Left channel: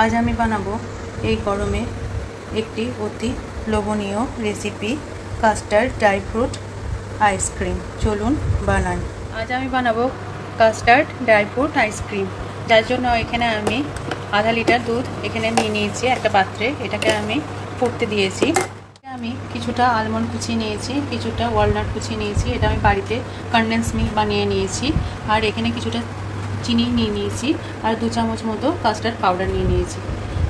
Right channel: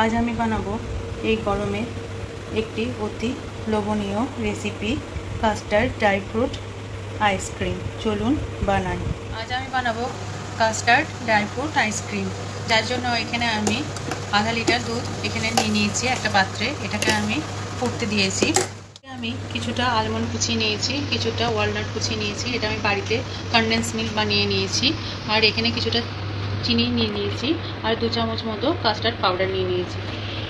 आज আমি বানাবো এই গরমে একটি অতি লোভনীয় recipe custard dry fruit ice cream. চলুন বানাই। আজ আমি বানাবো কাস্টার্ড ড্রাই ফ্রুট আইসক্রিম। যার জন্য এখানে আমি আধা লিটার দুধ এখানে নিয়ে নিয়েছি একটা পাত্রে। এটাকে আমি ফুটতে দিয়েছি। আমি কিছুটা আলমন্ড কুচি নিয়েছি, কিছুটা ওয়ালনাট কুচি নিয়েছি। এটা আমি বাড়িতে কনডেন্স মিল্ক বানিয়ে নিয়েছি। আর এখানে কিছুটা চিনি নিয়ে নিয়েছি আর 2 চামচ মতো কাস্টার্ড পাউডার নিয়ে নিয়েছি।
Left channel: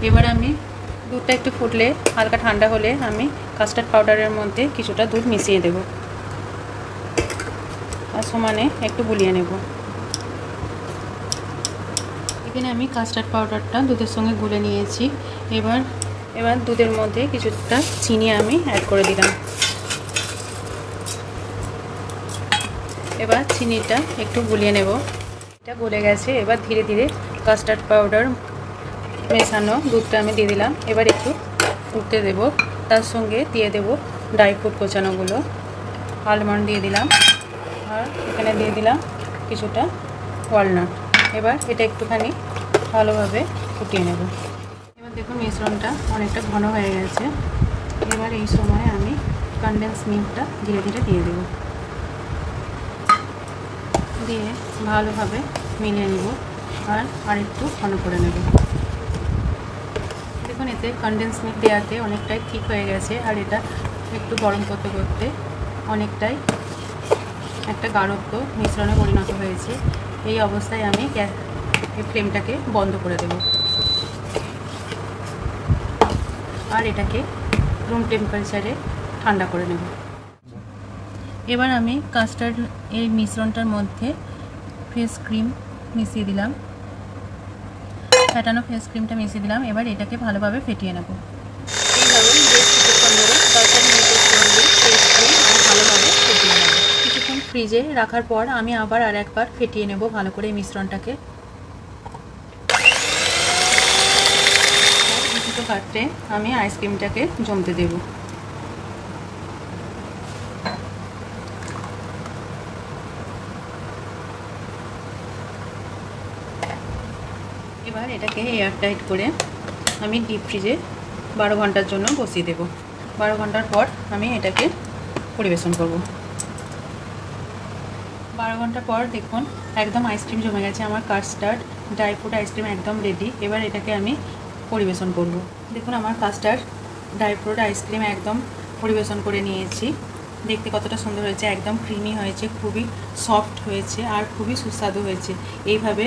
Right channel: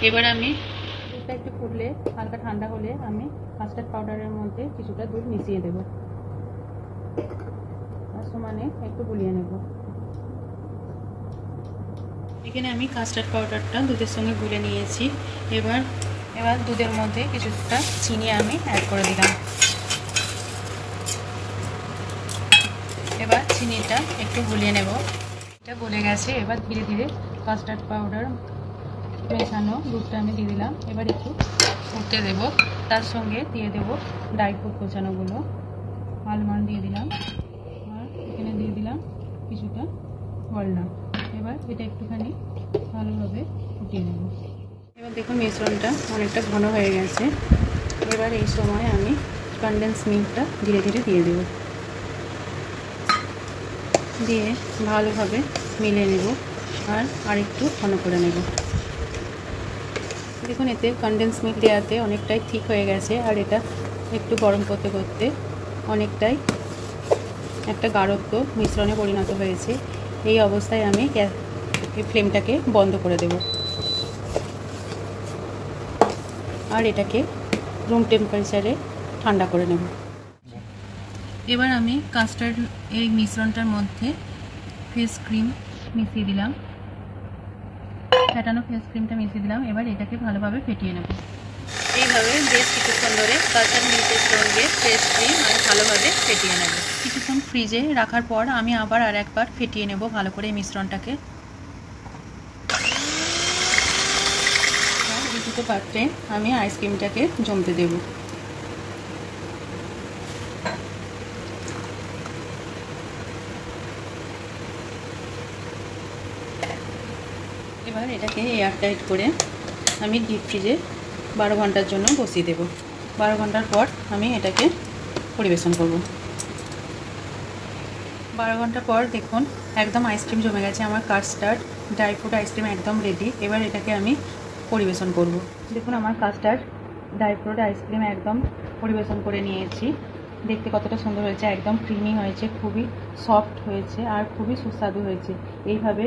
এবার আমি দুধটা একটু ফুটলে হালকা ঠান্ডা হলে আমি কাস্টার্ড পাউডারের মধ্যে কিছুটা দুধ মিশিয়ে দেব আর সমানে একটু গুলিয়ে নেব। এখানে আমি কাস্টার্ড পাউডারটা দুধের সঙ্গে গুলে নিয়েছি। এবার দুধের মধ্যে কিছুটা চিনি আমি অ্যাড করে দিলাম। এবার চিনিটা একটু গুলিয়ে নেব। এটা গলে গেছে। এবার ধীরে ধীরে কাস্টার্ড পাউডার মেশানো দুধটা আমি দিয়ে দিলাম। এবার একটু ফুটতে দেব। তার সঙ্গে দিয়ে দেব ড্রাই ফ্রুট কোচানোগুলো। আলমন্ড দিয়ে দিলাম আর এখানে দিয়ে দিলাম কিছুটা ওয়ালনাট। এবার এটা একটুখানি ভালোভাবে ফুটিয়ে নেব। এবার দেখুন মিশ্রণটা অনেকটা ঘন হয়ে গেছে। এবার এই সময় আমি কনডেন্স মিল্কটা ধীরে ধীরে দিয়ে দেব, দিয়ে ভালোভাবে মিলিয়ে নেব আর আরেকটু ঘন করে নেব। দেখুন এতে কনডেন্স মিল্ক দেওয়াতে অনেকটাই ঠিক হয়ে গেছে আর এটা একটু গরম করতে করতে অনেকটাই একটা গাঢ়ত্ব মিশ্রণে পরিণত হয়েছে। এই অবস্থায় আমি এই ফ্লেমটাকে বন্ধ করে দেব আর এটাকে রুম টেম্পারেচারে ঠান্ডা করে নেব। এবার আমি কাস্টার্ড এই মিশ্রণটার মধ্যে ফ্রেশ ক্রিম মিশিয়ে দিলাম, ফেটানো ফ্রেশ ক্রিমটা মিশিয়ে দিলাম। এবার এটাকে ভালোভাবে ফেটিয়ে নেব। এইভাবে বেশ কিছুক্ষণ ধরে কাস্টার্ড মিল্কের সঙ্গে ফ্রেশ ক্রিম আমি ভালোভাবে ফেটিয়ে নেব। কিছুক্ষণ ফ্রিজে রাখার পর আমি আবার একবার ফেটিয়ে নেব ভালো করে এই মিশ্রণটাকে। দুটো পাত্রে আমি আইসক্রিমটাকে জমতে দেব। এবার এটাকে এয়ারটাইট করে আমি ডিপ ফ্রিজে 12 ঘন্টার জন্য বসিয়ে দেব। 12 ঘন্টার পর আমি এটাকে পরিবেশন করব। 12 ঘন্টা পর দেখুন একদম আইসক্রিম জমে গেছে। আমার কাস্টার্ড ড্রাই ফ্রুট আইসক্রিম একদম রেডি। এবার এটাকে আমি পরিবেশন করব। দেখুন আমার কাস্টার্ড ড্রাই ফ্রুট আইসক্রিম একদম পরিবেশন করে নিয়েছি। দেখতে কতটা সুন্দর হয়েছে, একদম ক্রিমি হয়েছে, খুবই সফট হয়েছে আর খুবই সুস্বাদু হয়েছে। এইভাবে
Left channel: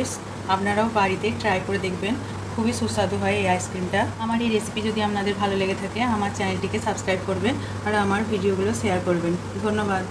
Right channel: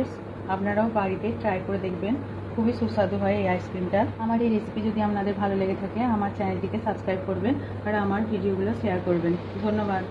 আপনারাও বাড়িতে ট্রাই করে দেখবেন, খুবই সুস্বাদু হয় এই আইসক্রিমটা। আমার এই রেসিপি যদি আপনাদের ভালো লেগে থাকে আমার চ্যানেলটিকে সাবস্ক্রাইব করবেন আর আমার ভিডিওগুলো শেয়ার করবেন। ধন্যবাদ।